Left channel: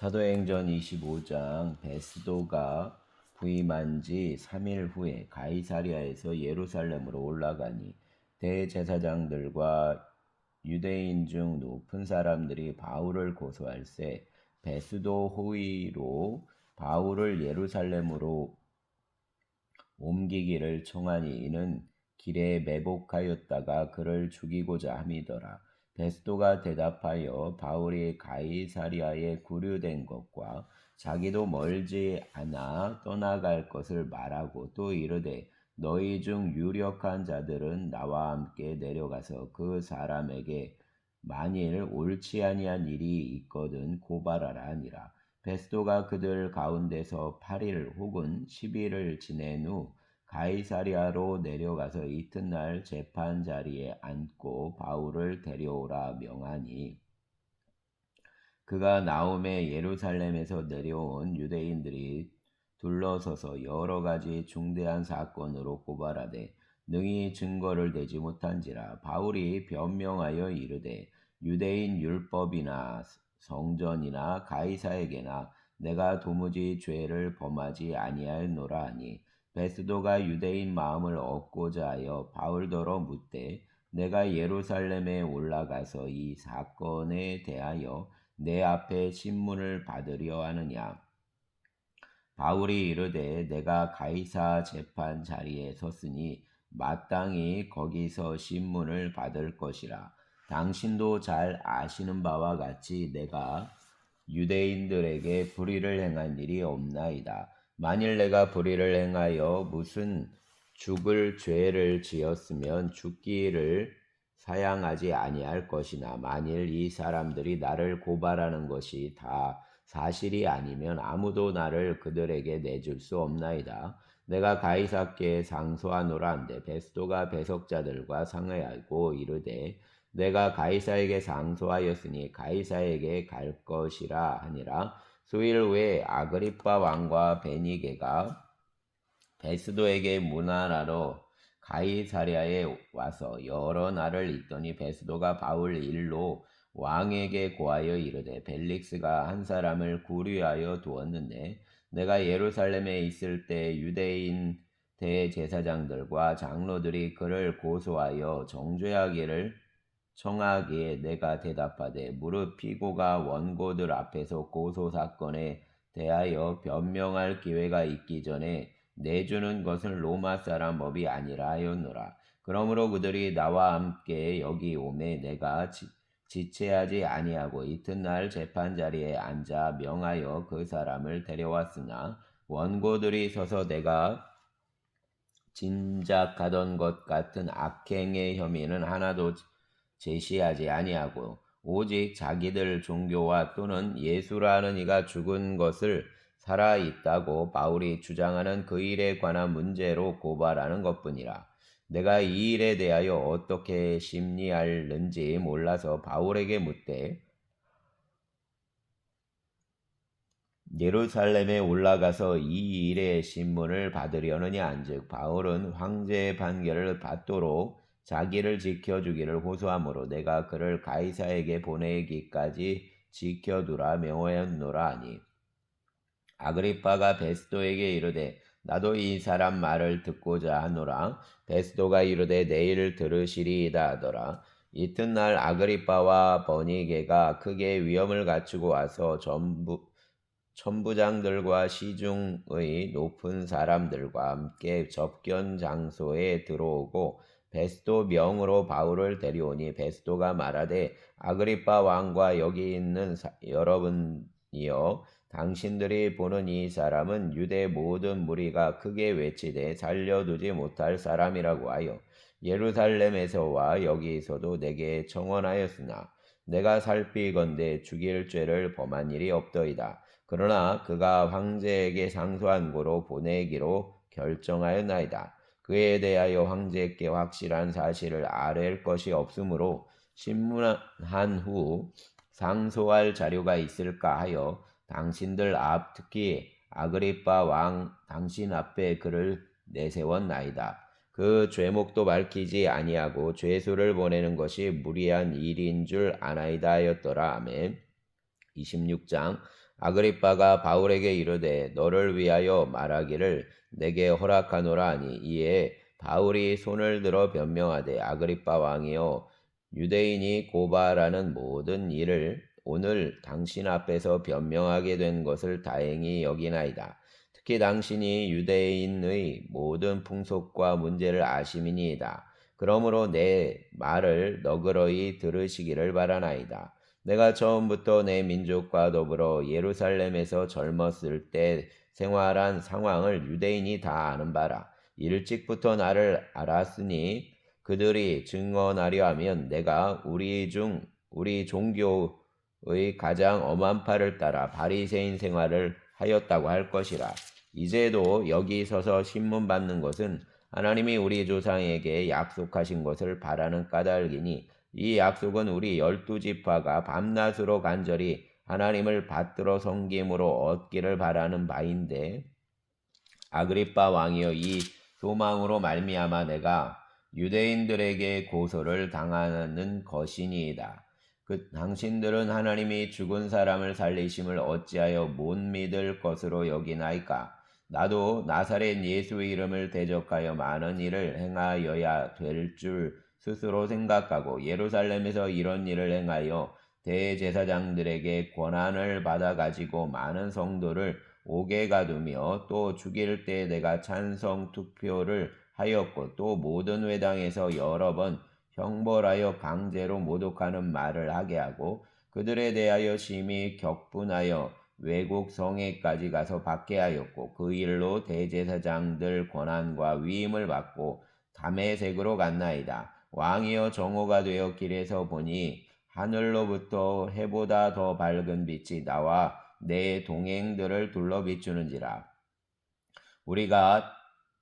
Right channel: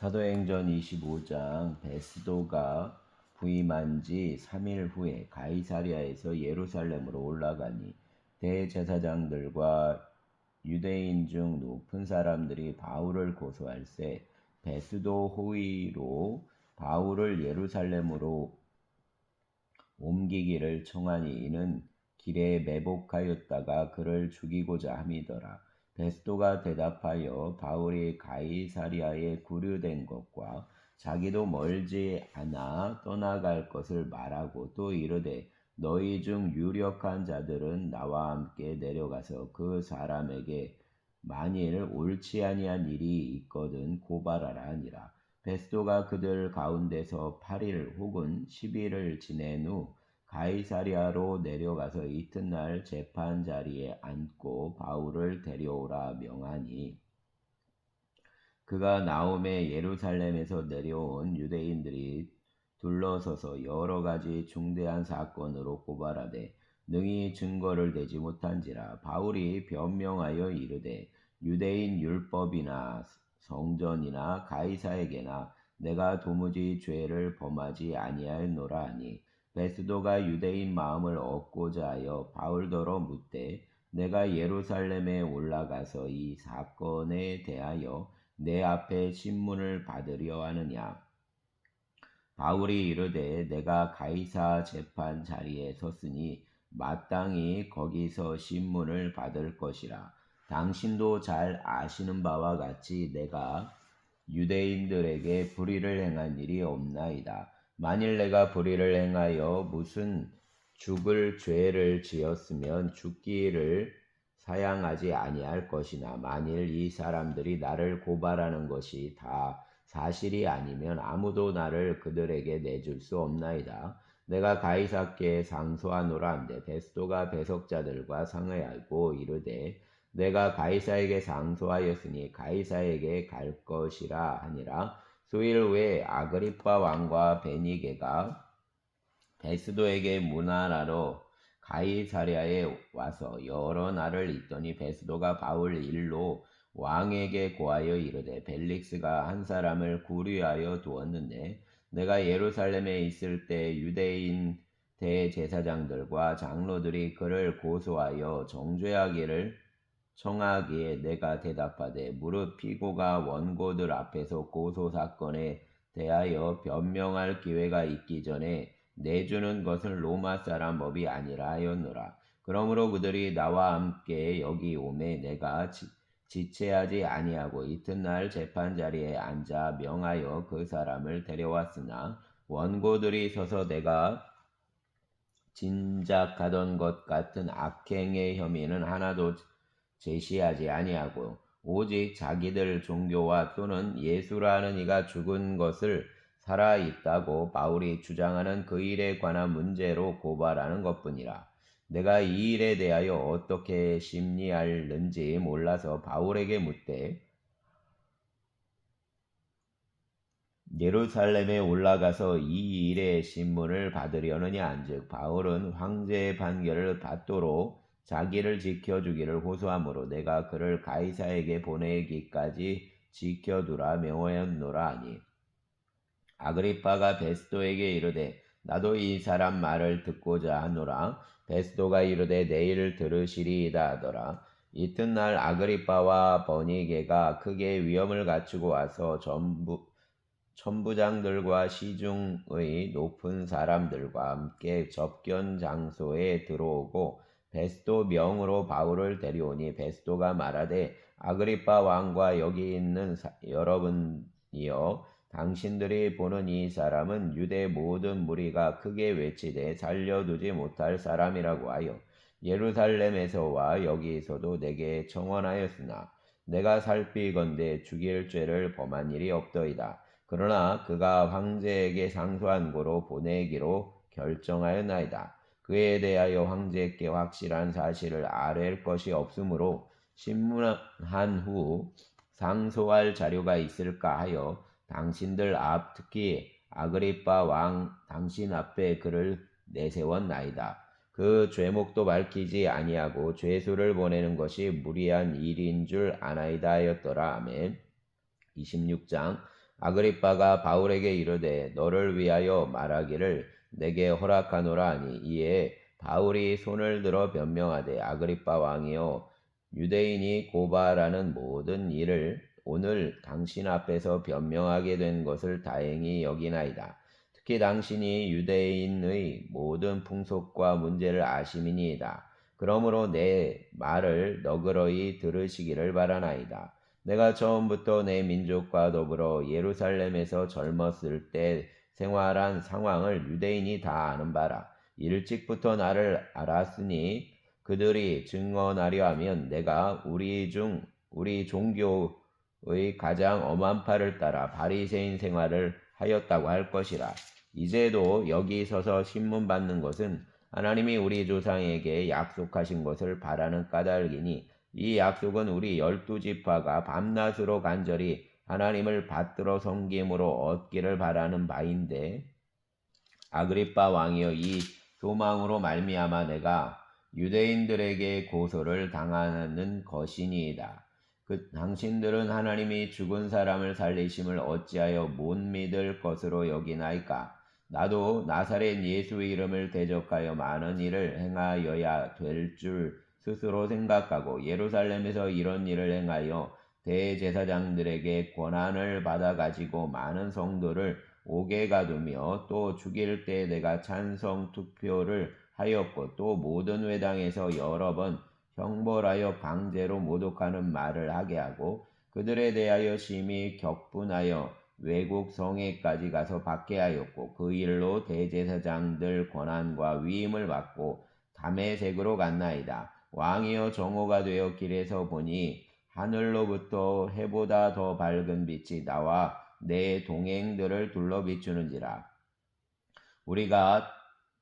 사도행전 25장 베스도가 부임한 지 3일 후에 가이사랴에서 예루살렘으로 올라가니 대제사장들과 유대인 중 높은 사람들이 바울을 고소할세 베스도 호위로 바울을 예루살렘으로 옮기기를 청하니 이는 길에 매복하였다가 그를 죽이고자 함이더라. 베스도가 대답하여 바울이 가이사랴에 구류된 것과 자기도 멀지 않아 떠나갈 것을 말하고 또 이르되 너희 중 유력한 자들은 나와 함께 내려가서 그 사람에게 만일 옳지 아니한 일이 있거든 고발하라 하니라. 베스도가 그들 가운데서 8일 혹은 10일을 지낸 후 가이사랴로 내려가서 이튿날 재판 자리에 앉고 바울을 데려오라 명하니 그가 나오매 예루살렘에서 내려온 유대인들이 둘러서서 여러 가지 중대한 사건으로 고발하되 능히 증거를 대지 못한지라. 바울이 변명하여 이르되 유대인 율법이나 성전이나 가이사에게나 내가 도무지 죄를 범하지 아니하였노라 하니 베스도가 유대인 마음을 얻고자 하여 바울더러 묻되 내가 예루살렘에 올라가서 이 사건에 대하여 내 앞에 신문을 받으려 하느냐. 바울이 이르되 내가 가이사 재판 자리에 섰으니 마땅히 거기서 신문을 받을 것이라. 당신도 잘 아시는 바와 같이 내가 유대인들에게 불의를 행한 일이 없나이다. 만일 내가 불의를 행하여 무슨 죽을 죄를 지었으면 죽기를 사양하지 아니할 것이나 만일 이 사람들이 나를 고발하는 것이 다 사실이 아니면 아무도 나를 그들에게 내줄 수 없나이다. 내가 가이사께 상소하노라 한데 베스도가 배석자들과 상의하고 이르되 내가 가이사에게 상소하였으니 가이사에게 갈 것이라 하니라. 수일 후에 아그리빠 왕과 베니게가 베스도에게 문안하러 가이사랴에 와서 여러 날을 있더니 베스도가 바울 일로 왕에게 고하여 이르되 벨릭스가 한 사람을 구류하여 두었는데 내가 예루살렘에 있을 때 유대인 대제사장들과 장로들이 그를 고소하여 정죄하기를 청하기에 내가 대답하되 무릇 피고가 원고들 앞에서 고소 사건에 대하여 변명할 기회가 있기 전에 내주는 것은 로마 사람 법이 아니라 하였노라. 그러므로 그들이 나와 함께 여기 오매 내가 지체하지 아니하고 이튿날 재판 자리에 앉아 명하여 그 사람을 데려왔으나 원고들이 서서 내가 짐작하던 것 같은 악행의 혐의는 하나도 제시하지 아니하고 오직 자기들 종교와 또는 예수라는 이가 죽은 것을 살아 있다고 바울이 주장하는 그 일에 관한 문제로 고발하는 것뿐이라. 내가 이 일에 대하여 어떻게 심리할는지 몰라서 바울에게 묻되 예루살렘에 올라가서 이 일의 신문을 받으려느냐 한즉 바울은 황제의 판결을 받도록 자기를 지켜주기를 호소하므로 내가 그를 가이사에게 보내기까지 지켜두라 명하였노라 하니 아그리빠가 베스도에게 이르되 나도 이 사람 말을 듣고자 하노라. 베스도가 이르되 내일 들으시리이다 하더라. 이튿날 아그리빠와 버니게가 크게 위험을 갖추고 와서 천부장들과 시중의 높은 사람들과 함께 접견 장소에 들어오고 베스도 명으로 바울을 데려오니 베스도가 말하되 아그리빠 왕과 여기 있는 여러분이여 당신들이 보는 이 사람은 유대 모든 무리가 크게 외치되 살려두지 못할 사람이라고 하여 예루살렘에서와 여기서도 내게 청원하였으나 내가 살피건대 죽일 죄를 범한 일이 없더이다. 그러나 그가 황제에게 상소한 고로 보내기로 결정하였나이다. 그에 대하여 황제께 확실한 사실을 아랠 것이 없으므로 신문한 후 상소할 자료가 있을까 하여 당신들 앞 특히 아그리빠 왕 당신 앞에 그를 내세웠나이다. 그 죄목도 밝히지 아니하고 죄수를 보내는 것이 무리한 일인 줄 아나이다 하였더라. 아멘. 26장 아그리빠가 바울에게 이르되 너를 위하여 말하기를 내게 허락하노라 하니 이에 바울이 손을 들어 변명하되 아그리빠 왕이여 유대인이 고발하는 모든 일을 오늘 당신 앞에서 변명하게 된 것을 다행히 여기나이다. 특히 당신이 유대인의 모든 풍속과 문제를 아심이니이다. 그러므로 내 말을 너그러이 들으시기를 바라나이다. 내가 처음부터 내 민족과 더불어 예루살렘에서 젊었을 때 생활한 상황을 유대인이 다 아는 바라. 일찍부터 나를 알았으니 그들이 증언하려 하면 내가 우리 종교의 가장 엄한 팔을 따라 바리새인 생활을 하였다고 할 것이라. 이제도 여기 서서 신문 받는 것은 하나님이 우리 조상에게 약속하신 것을 바라는 까닭이니 이 약속은 우리 12지파가 밤낮으로 간절히 하나님을 받들어 섬김으로 얻기를 바라는 바인데 아그리빠 왕이여 이 소망으로 말미암아 내가 유대인들에게 고소를 당하는 것이니이다. 당신들은 하나님이 죽은 사람을 살리심을 어찌하여 못 믿을 것으로 여기나이까? 나도 나사렛 예수의 이름을 대적하여 많은 일을 행하여야 될 줄 스스로 생각하고 예루살렘에서 이런 일을 행하여 대제사장들에게 권한을 받아 가지고 많은 성도를 옥에 가두며 또 죽일 때 내가 찬성 투표를 하였고 또 모든 회당에서 여러 번 형벌하여 강제로 모독하는 말을 하게 하고 그들에 대하여 심히 격분하여 외국 성에까지 가서 박해하였고 그 일로 대제사장들 권한과 위임을 받고 다메섹으로 갔나이다. 왕이여 정오가 되어 길에서 보니 하늘로부터 해보다 더 밝은 빛이 나와 내 동행들을 둘러 비추는지라. 우리가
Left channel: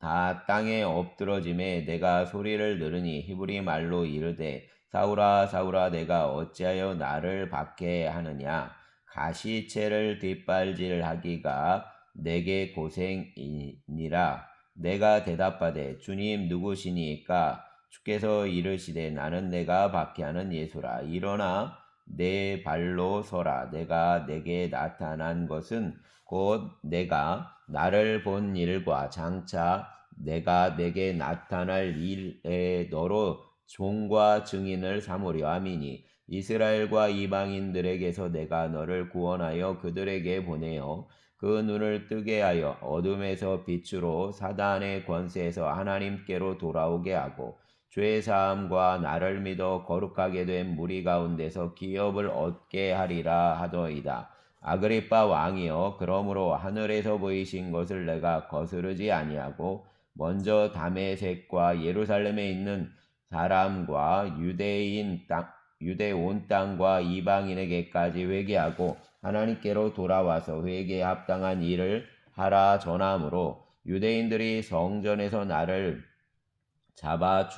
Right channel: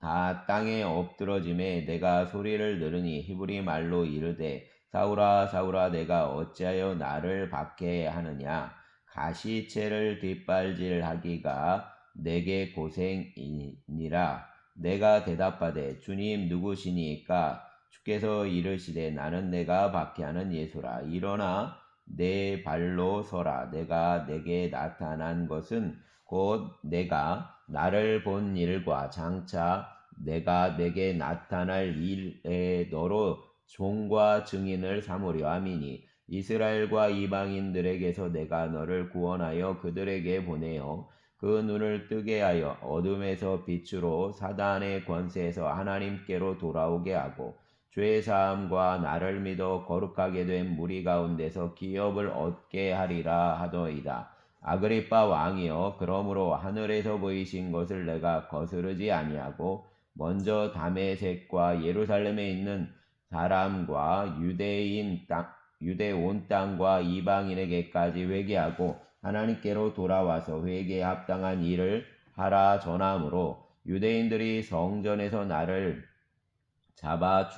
다 땅에 엎드러짐에 내가 소리를 들으니 히브리 말로 이르되 사울아 사울아 내가 어찌하여 나를 박해하느냐 가시채를 뒷발질하기가 내게 고생이니라. 내가 대답하되 주님 누구시니까? 주께서 이르시되 나는 내가 박해하는 예수라. 일어나 내 발로 서라. 내가 내게 나타난 것은 곧 내가 나를 본 일과 장차 내가 내게 나타날 일에 너로 종과 증인을 삼으려 함이니 이스라엘과 이방인들에게서 내가 너를 구원하여 그들에게 보내어 그 눈을 뜨게 하여 어둠에서 빛으로 사단의 권세에서 하나님께로 돌아오게 하고 죄 사함과 나를 믿어 거룩하게 된 무리 가운데서 기업을 얻게 하리라 하더이다. 아그리빠 왕이여 그러므로 하늘에서 보이신 것을 내가 거스르지 아니하고 먼저 다메섹과 예루살렘에 있는 사람과 유대 온 땅과 이방인에게까지 회개하고 하나님께로 돌아와서 회개에 합당한 일을 하라 전함으로 유대인들이 성전에서 나를 잡아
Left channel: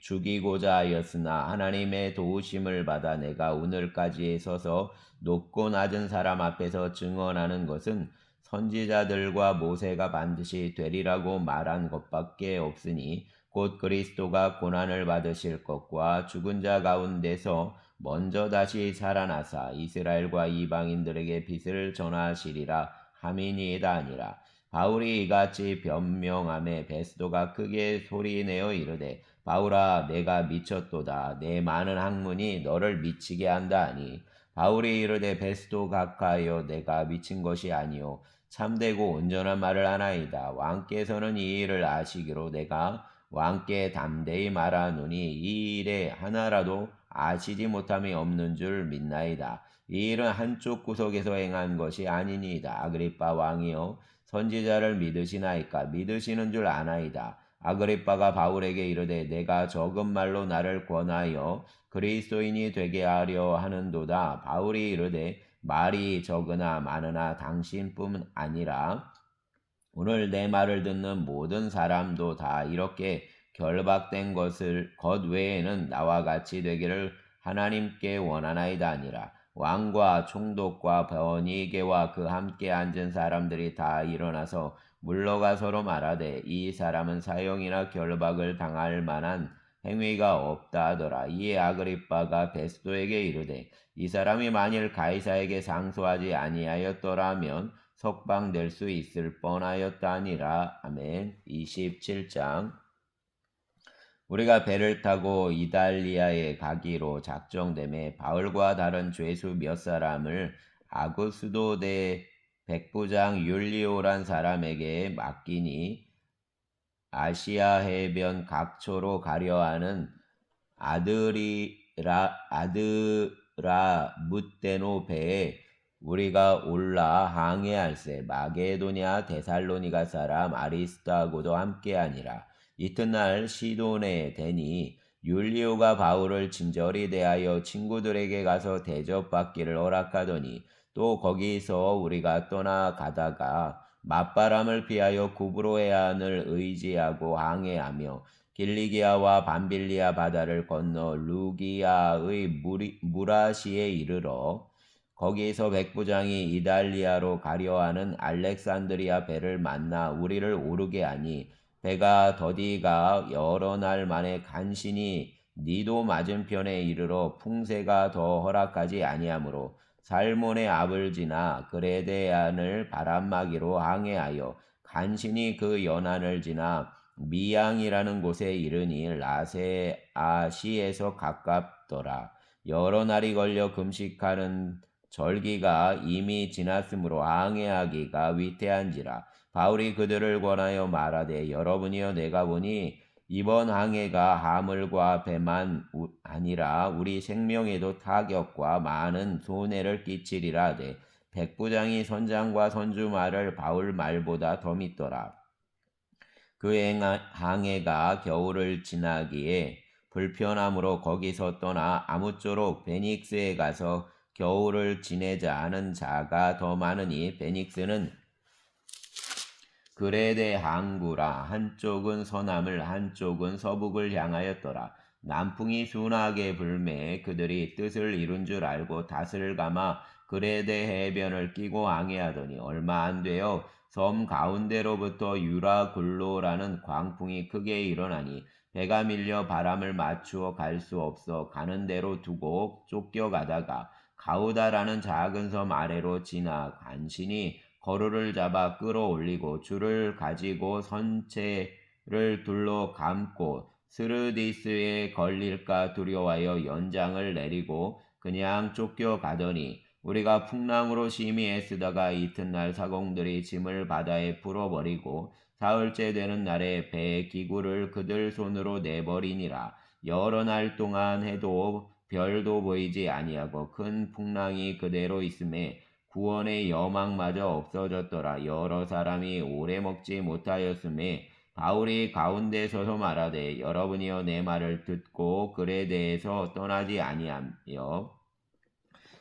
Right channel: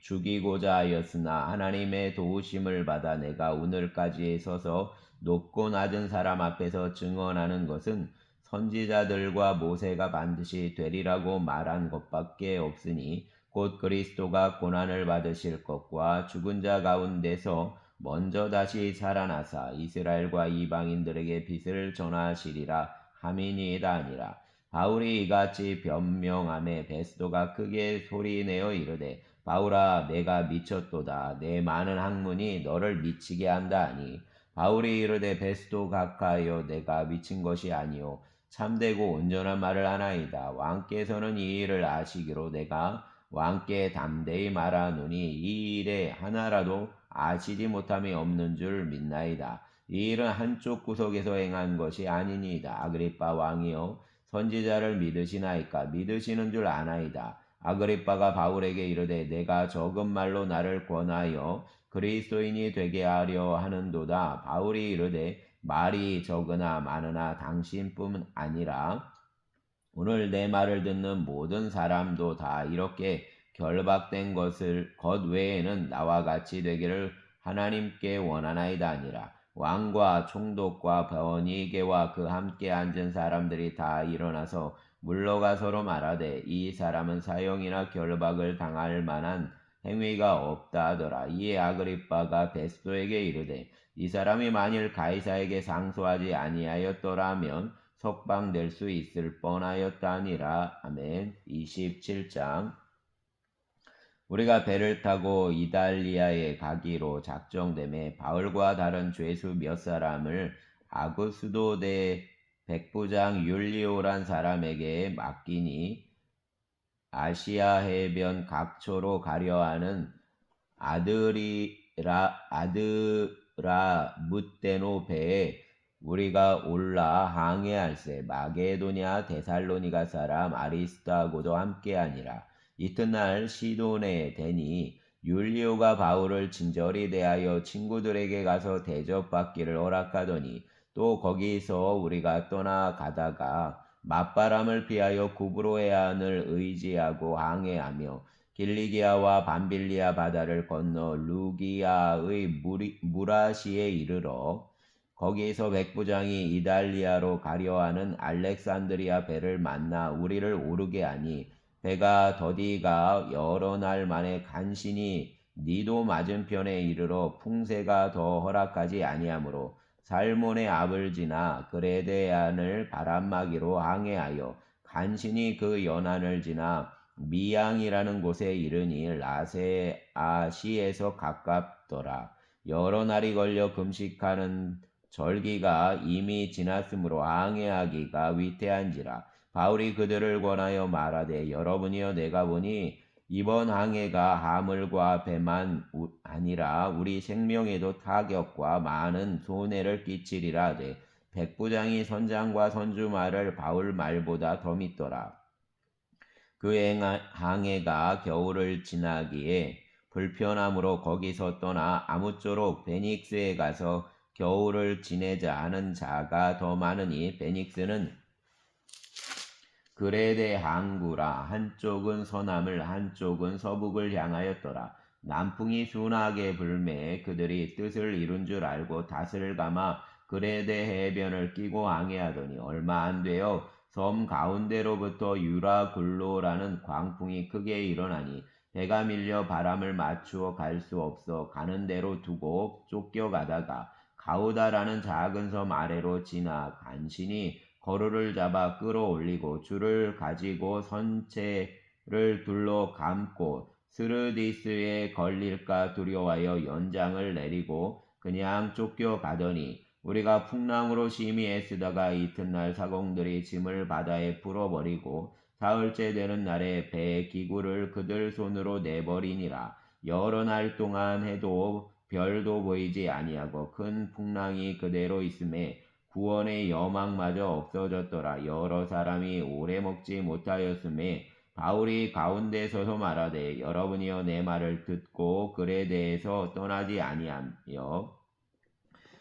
죽이고자 하였으나 하나님의 도우심을 받아 내가 오늘까지 서서 높고 낮은 사람 앞에서 증언하는 것은 선지자들과 모세가 반드시 되리라고 말한 것밖에 없으니 곧 그리스도가 고난을 받으실 것과 죽은 자 가운데서 먼저 다시 살아나사 이스라엘과 이방인들에게 빛을 전하시리라 함이니이다 아니라. 바울이 이같이 변명하매 베스도가 크게 소리내어 이르되 바울아 내가 미쳤도다. 내 많은 학문이 너를 미치게 한다 하니 바울이 이르되 베스도 각하여 내가 미친 것이 아니요 참되고 온전한 말을 하나이다. 왕께서는 이 일을 아시기로 내가 왕께 담대히 말하노니 이 일에 하나라도 아시지 못함이 없는 줄 믿나이다. 이 일은 한쪽 구석에서 행한 것이 아니니이다. 아그리빠 왕이여 선지자를 믿으시나이까? 믿으시는 줄 아나이다. 아그리빠가 바울에게 이르되 내가 적은 말로 나를 권하여 그리스도인이 되게 하려 하는도다. 바울이 이르되 말이 적으나 많으나 당신뿐 아니라 오늘 내 말을 듣는 모든 사람도 다 이렇게 결박된 것 외에는 나와 같이 되기를 하나님께 원하나이다 아니라. 왕과 총독과 버니게와 그 함께 앉은 사람들이 다 일어나서 물러가 서로 말하되 이 사람은 사형이나 결박을 당할 만한 행위가 없다 하더라. 이에 아그리빠가 베스도에게 이르되 이 사람이 만일 가이사에게 상소하지 아니하였더라면 석방될 수 있을 뻔하였다니라. 아멘. 27장. 우리가 배를 타고 이달리아에 가기로 작정됨에 바울과 다른 죄수 몇 사람을 아구스도대 백부장 율리오란 사람에게 맡기니 아시아 해변 각초로 가려하는 아드라 뭇데노 배에 우리가 올라 항해할세. 마게도냐 데살로니가 사람 아리스도하고도 함께하니라. 이튿날 시돈에 대니 율리오가 바울을 친절히 대하여 친구들에게 가서 대접받기를 허락하더니 또 거기서 우리가 떠나가다가 맞바람을 피하여 구브로에안을 의지하고 항해하며 길리기아와 밤빌리아 바다를 건너 루기아의 무라시에 이르러 거기에서 백부장이 이달리아로 가려하는 알렉산드리아 배를 만나 우리를 오르게 하니 배가 더디가 여러 날 만에 간신히 니도 맞은편에 이르러 풍세가 더 허락하지 아니하므로 살몬의 앞을 지나 그레데안을 바람막이로 항해하여 간신히 그 연안을 지나 미양이라는 곳에 이르니 라세아시에서 가깝더라. 여러 날이 걸려 금식하는 절기가 이미 지났으므로 항해하기가 위태한지라. 바울이 그들을 권하여 말하되 여러분이여 내가 보니 이번 항해가 하물과 배만 아니라 우리 생명에도 타격과 많은 손해를 끼치리라 하되 백부장이 선장과 선주 말을 바울 말보다 더 믿더라. 그 항해가 겨울을 지나기에 불편함으로 거기서 떠나 아무쪼록 베닉스에 가서 겨울을 지내자 하는 자가 더 많으니 베닉스는 그레데 항구라. 한쪽은 서남을 한쪽은 서북을 향하였더라. 남풍이 순하게 불매 그들이 뜻을 이룬 줄 알고 닷을 감아 그레데 해변을 끼고 항해하더니 얼마 안 되어 섬 가운데로부터 유라굴로라는 광풍이 크게 일어나니 배가 밀려 바람을 맞추어 갈 수 없어 가는 대로 두고 쫓겨가다가 가우다라는 작은 섬 아래로 지나 간신히 거루를 잡아 끌어올리고 줄을 가지고 선체를 둘러 감고 스르디스에 걸릴까 두려워하여 연장을 내리고 그냥 쫓겨가더니 우리가 풍랑으로 심히 애쓰다가 이튿날 사공들이 짐을 바다에 풀어버리고 사흘째 되는 날에 배의 기구를 그들 손으로 내버리니라. 여러 날 동안 해도 별도 보이지 아니하고 큰 풍랑이 그대로 있음에 구원의 여망마저 없어졌더라. 여러 사람이 오래 먹지 못하였음에 바울이 가운데 서서 말하되 여러분이여 내 말을 듣고 글에 대해서 떠나지 아니하며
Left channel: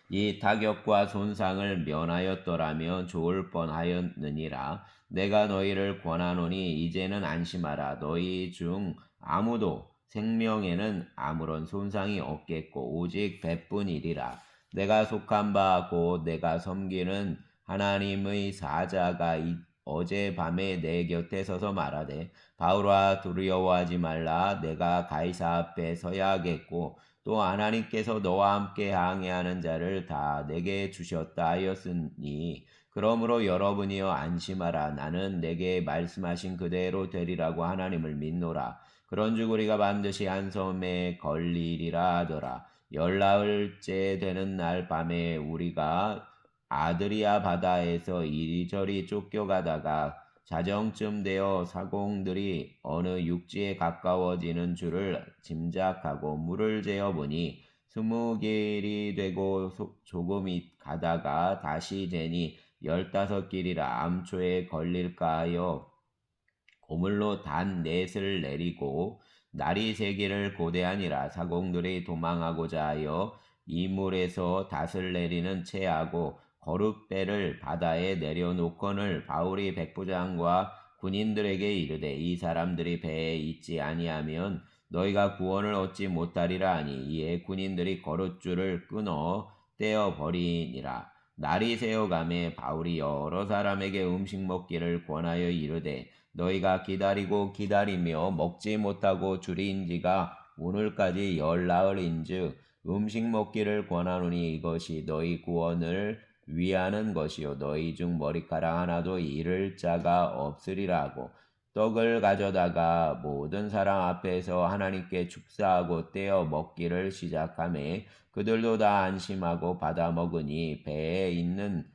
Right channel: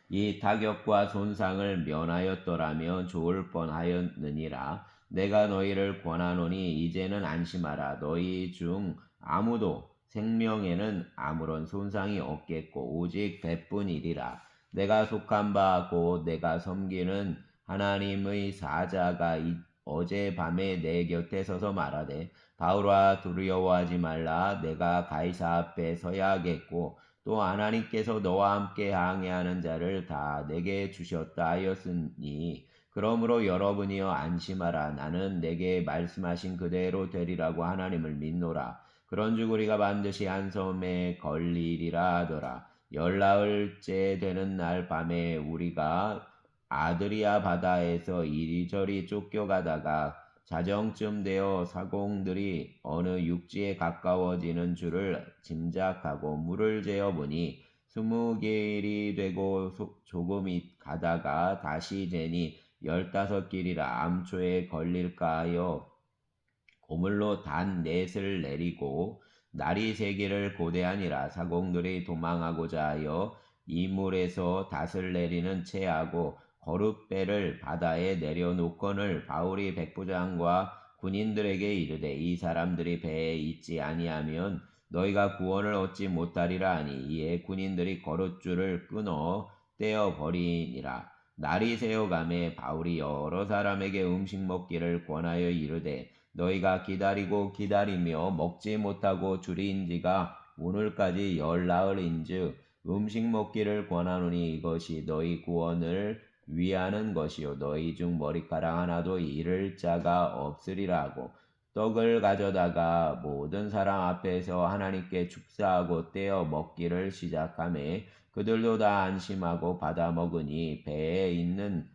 이 타격과 손상을 면하였더라면 좋을 뻔하였느니라. 내가 너희를 권하노니 이제는 안심하라. 너희 중 아무도 생명에는 아무런 손상이 없겠고 오직 배뿐이리라. 내가 속한 바 곧 내가 섬기는 하나님의 사자가 어젯밤에 내 곁에 서서 말하되 바울아 두려워하지 말라. 내가 가이사 앞에 서야 하겠고 또 하나님께서 너와 함께 항해하는 자를 다 내게 주셨다 하였으니 그러므로 여러분이여 안심하라. 나는 내게 말씀하신 그대로 되리라고 하나님을 믿노라. 그런즉 우리가 반드시 한 섬에 걸리리라 하더라. 열나흘째 되는 날 밤에 우리가 아드리아 바다에서 이리저리 쫓겨가다가 자정쯤 되어 사공들이 어느 육지에 가까워지는 줄을 짐작하고 물을 재어보니 20길이 되고 조금 가다가 다시 재니 15길이라 암초에 걸릴까 하여 고물로 단 넷을 내리고 날이 새기를 고대하니라. 사공들이 도망하고자 하여 이물에서 닷을 내리는 채하고 거룻배를 바다에 내려놓거늘 바울이 백부장과 군인들에게 이르되 이 사람들이 배에 있지 아니하면 너희가 구원을 얻지 못하리라 하니 이에 군인들이 거룻줄을 끊어 떼어 버리니라. 날이 새어가매 바울이 여러 사람에게 음식 먹기를 권하여 이르되 너희가 기다리고 기다리며 먹지 못하고 줄인 지가 오늘까지 열나흘인즉 음식 먹기를 권하노니 이것이 너희 구원을 위하는 것이요 너희 중 머리카락 하나도 잃을 자가 없으리라 하고 떡을 가져다가 모든 사람 앞에서 하나님께 축사하고 떼어 먹기를 시작하매 그들도 다 안심하고 받아 먹으니 배에 있는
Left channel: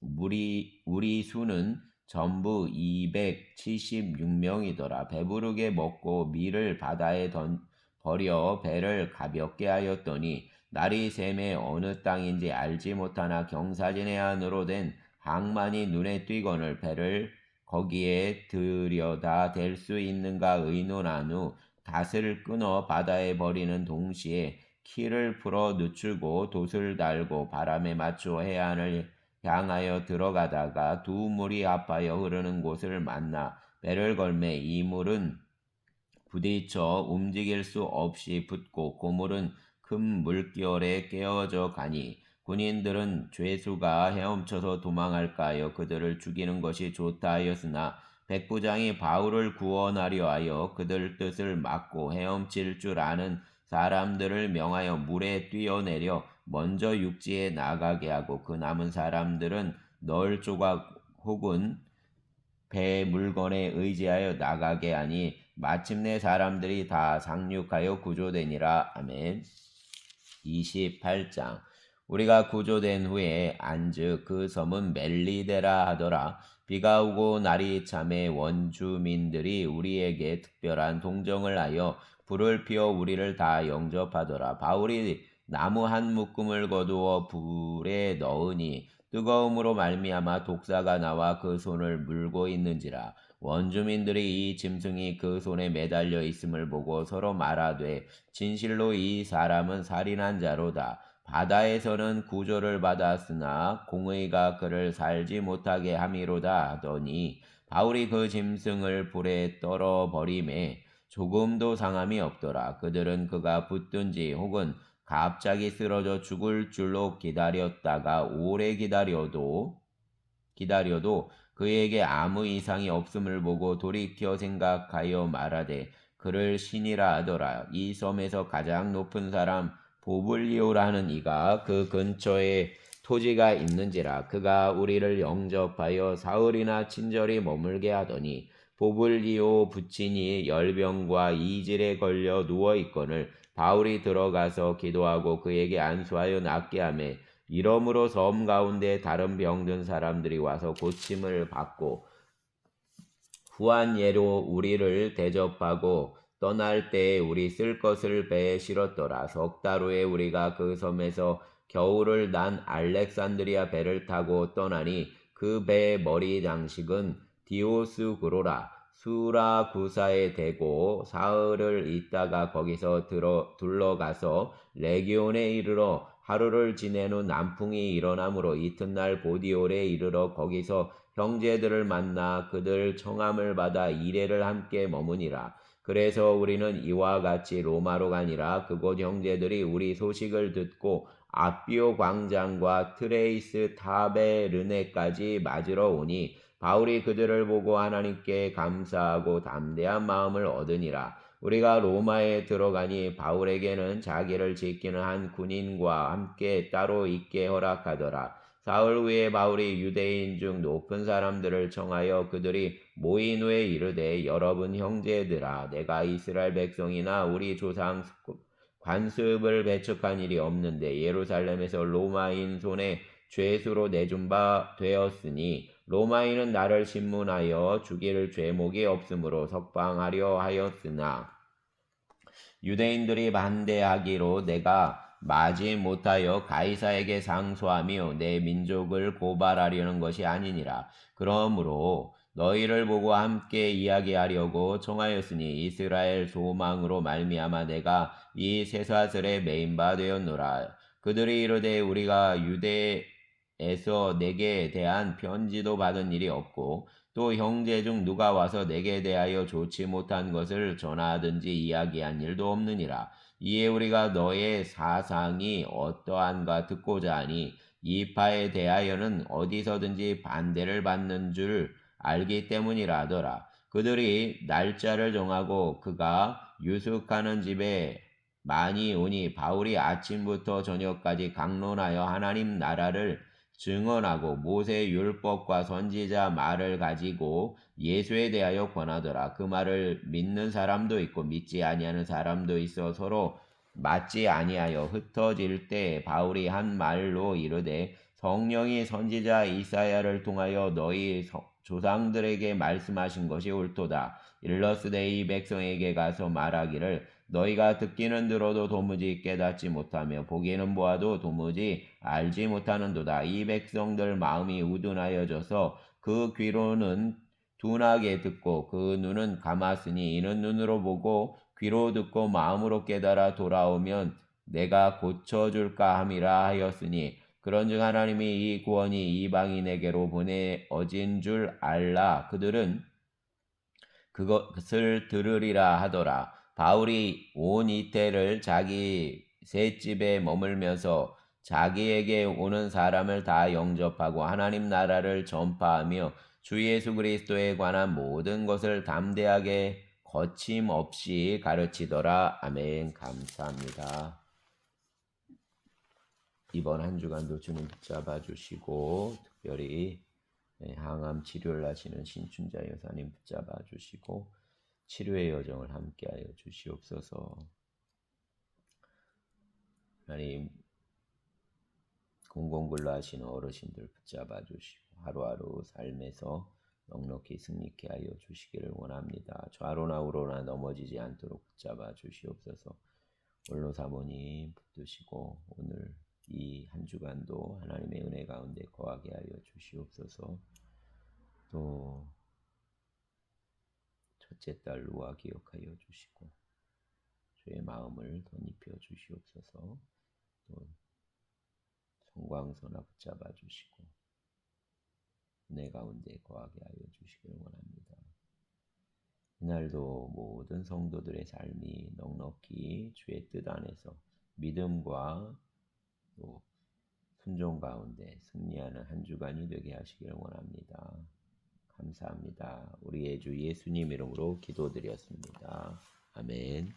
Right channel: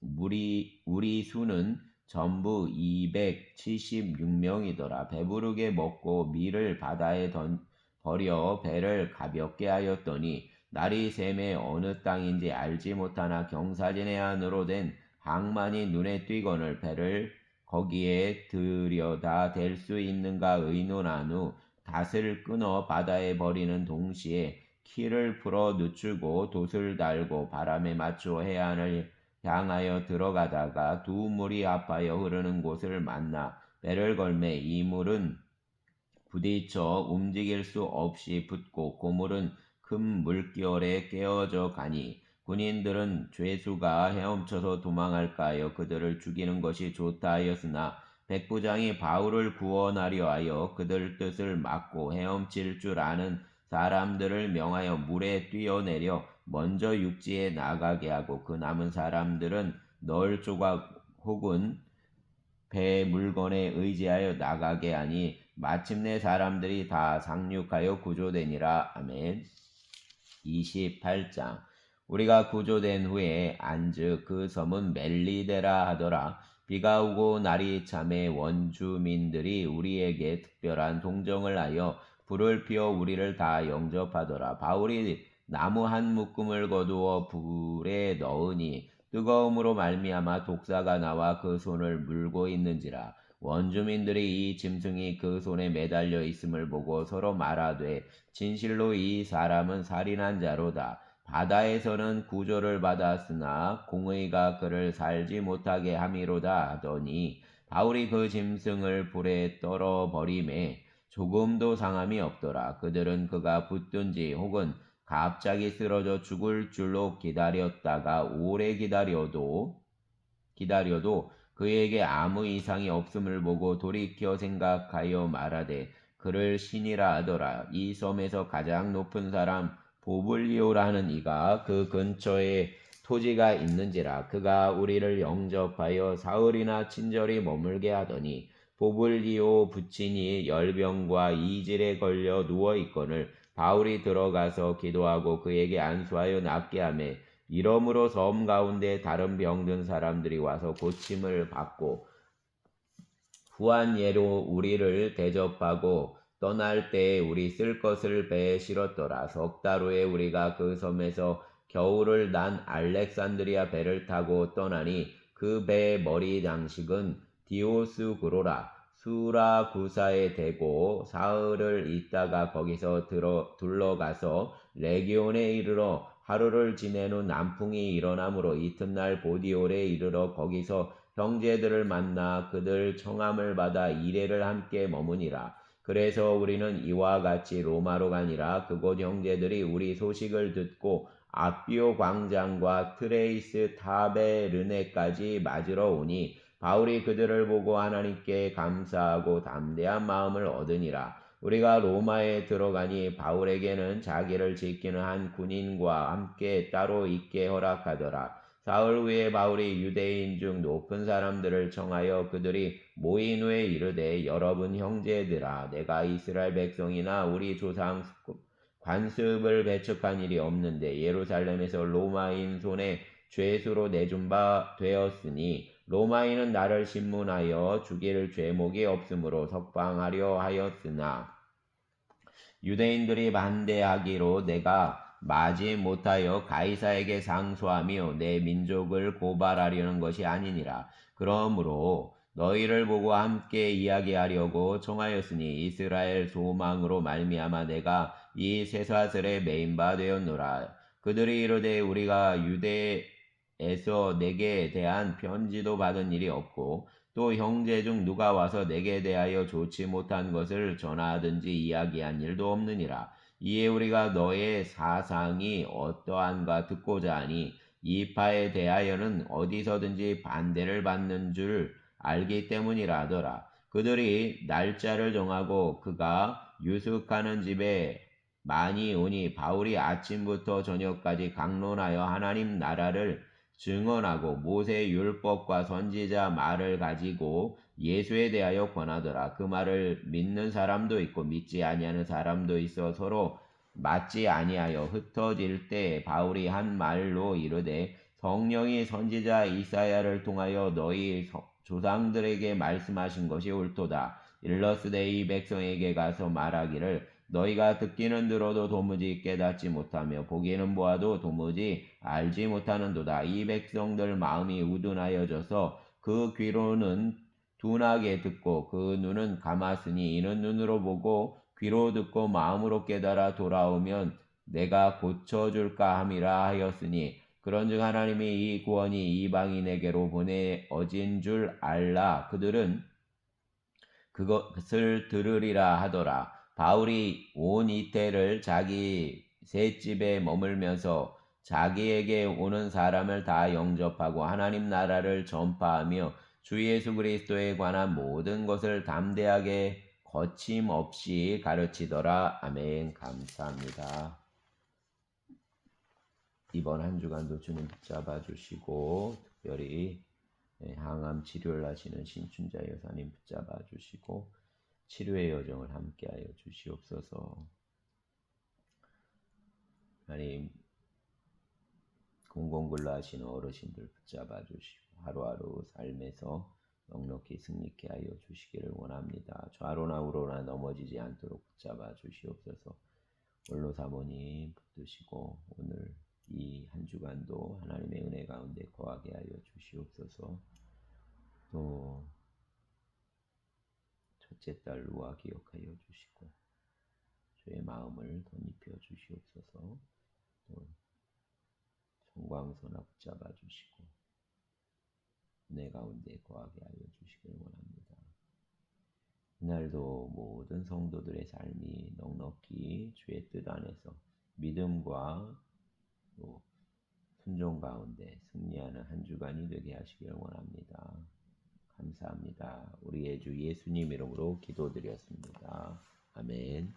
우리 수는 전부 276명이더라. 배부르게 먹고 밀을 바다에 버려 배를 가볍게 하였더니 날이 새매 어느 땅인지 알지 못하나 경사진의 안으로 된 항만이 눈에 띄거늘 배를 거기에 들여다 댈 수 있는가 의논한 후 닷을 끊어 바다에 버리는 동시에 키를 풀어 늦추고 돛을 달고 바람에 맞춰 해안을 향하여 들어가다가 두 물이 합하여 흐르는 곳을 만나 배를 걸매 이 물은 부딪혀 움직일 수 없이 붙고 고물은 큰 물결에 깨어져 가니 군인들은 죄수가 헤엄쳐서 도망할까 하여 그들을 죽이는 것이 좋다 하였으나 백부장이 바울을 구원하려 하여 그들 뜻을 막고 헤엄칠 줄 아는 사람들을 명하여 물에 뛰어내려 먼저 육지에 나가게 하고 그 남은 사람들은 널 조각 혹은 배 물건에 의지하여 나가게 하니 마침내 사람들이 다 상륙하여 구조되니라. 아멘. 28장 우리가 구조된 후에 안즉 그 섬은 멜리데라 하더라. 비가 오고 날이 참에 원주민들이 우리에게 특별한 동정을 하여 불을 피워 우리를 다 영접하더라. 바울이 나무 한 묶음을 거두어 불에 넣으니 뜨거움으로 말미암아 독사가 나와 그 손을 물고 있는지라. 원주민들이 이 짐승이 그 손에 매달려 있음을 보고 서로 말하되 진실로 이 사람은 살인한 자로다. 바다에서는 구조를 받았으나 공의가 그를 살지 못하게 함이로다 하더니 바울이 그 짐승을 불에 떨어 버림에 조금도 상함이 없더라. 그들은 그가 붙든지 혹은 갑자기 쓰러져 죽을 줄로 기다렸다가 오래 기다려도 그에게 아무 이상이 없음을 보고 돌이켜 생각하여 말하되 그를 신이라 하더라. 이 섬에서 가장 높은 사람 보블리오라는 이가 그 근처에 토지가 있는지라. 그가 우리를 영접하여 사흘이나 친절히 머물게 하더니 보블리오 부친이 열병과 이질에 걸려 누워 있거늘 바울이 들어가서 기도하고 그에게 안수하여 낫게 하매 이러므로 섬 가운데 다른 병든 사람들이 와서 고침을 받고 후한 예로 우리를 대접하고 떠날 때에 우리 쓸 것을 배에 실었더라. 석 달 후에 우리가 그 섬에서 겨울을 난 알렉산드리아 배를 타고 떠나니 그 배의 머리 장식은 디오스구로라. 수라구사에 대고 사흘을 있다가 거기서 둘러가서 레기온에 이르러 하루를 지낸 후 남풍이 일어나므로 이튿날 보디올에 이르러 거기서 형제들을 만나 그들 청함을 받아 이레를 함께 머무니라. 그래서 우리는 이와 같이 로마로 가니라. 그곳 형제들이 우리 소식을 듣고 아비오 광장과 트레이스 타베르네까지 맞으러 오니 바울이 그들을 보고 하나님께 감사하고 담대한 마음을 얻으니라. 우리가 로마에 들어가니 바울에게는 자기를 지키는 한 군인과 함께 따로 있게 허락하더라. 사흘 후에 바울이 유대인 중 높은 사람들을 청하여 그들이 모인 후에 이르되 여러분 형제들아 내가 이스라엘 백성이나 우리 조상 관습을 배척한 일이 없는데 예루살렘에서 로마인 손에 죄수로 내준 바 되었으니 로마인은 나를 신문하여 죽일 죄목이 없으므로 석방하려 하였으나 유대인들이 반대하기로 내가 마지 못하여 가이사에게 상소하며 내 민족을 고발하려는 것이 아니니라. 그러므로 너희를 보고 함께 이야기하려고 청하였으니 이스라엘 소망으로 말미암아 내가 이 쇠사슬에 매인 바 되었노라. 그들이 이르되 우리가 유대에서 내게 대한 편지도 받은 일이 없고 또 형제 중 누가 와서 내게 대하여 좋지 못한 것을 전하든지 이야기한 일도 없느니라. 이에 우리가 너의 사상이 어떠한가 듣고자 하니 이 파에 대하여는 어디서든지 반대를 받는 줄 알기 때문이라 하더라. 그들이 날짜를 정하고 그가 유숙하는 집에 많이 오니 바울이 아침부터 저녁까지 강론하여 하나님 나라를 증언하고 모세 율법과 선지자 말을 가지고 예수에 대하여 권하더라. 그 말을 믿는 사람도 있고 믿지 아니하는 사람도 있어 서로 맞지 아니하여 흩어질 때 바울이 한 말로 이르되 성령이 선지자 이사야를 통하여 너희 조상들에게 말씀하신 것이 옳도다. 일러스되 이 백성에게 가서 말하기를 너희가 듣기는 들어도 도무지 깨닫지 못하며 보기는 보아도 도무지 알지 못하는도다. 이 백성들 마음이 우둔하여져서 그 귀로는 둔하게 듣고 그 눈은 감았으니 이는 눈으로 보고 귀로 듣고 마음으로 깨달아 돌아오면 내가 고쳐줄까 함이라 하였으니 그런즉 하나님이 이 구원이 이방인에게로 보내어진 줄 알라. 그들은 그것을 들으리라 하더라. 바울이 온 이태를 자기 셋집에 머물면서 자기에게 오는 사람을 다 영접하고 하나님 나라를 전파하며 주 예수 그리스도에 관한 모든 것을 담대하게 거침없이 가르치더라. 아멘. 감사합니다. 이번 한 주간도 주님 붙잡아 주시고 특별히 항암 치료를 하시는 신춘자 여사님 붙잡아 주시고 치료의 여정을 함께하여 주시옵소서. 하나님 공공근로 하시는 어르신들 붙잡아 주시고 하루하루 삶에서 넉넉히 승리케 하여 주시기를 원합니다. 좌로나 우로나 넘어지지 않도록 붙잡아 주시옵소서. 원로 사모님 붙드시고 오늘 이 한 주간도 하나님의 은혜 가운데 거하게 하여 주시옵소서. 또 첫째 딸 루아 기억하여 주시고 주의 마음을 덧입혀 주시옵소서. 또 성광선아 붙잡아 주시고 은혜 가운데 거하게 하여 주시기를 원합니다. 이날도 모든 성도들의 삶이 넉넉히 주의 뜻 안에서 믿음과 또 순종 가운데 승리하는 한 주간이 되게 하시기를 원합니다. 감사합니다. 우리의 주 예수님 이름으로 기도드렸습니다. 아멘.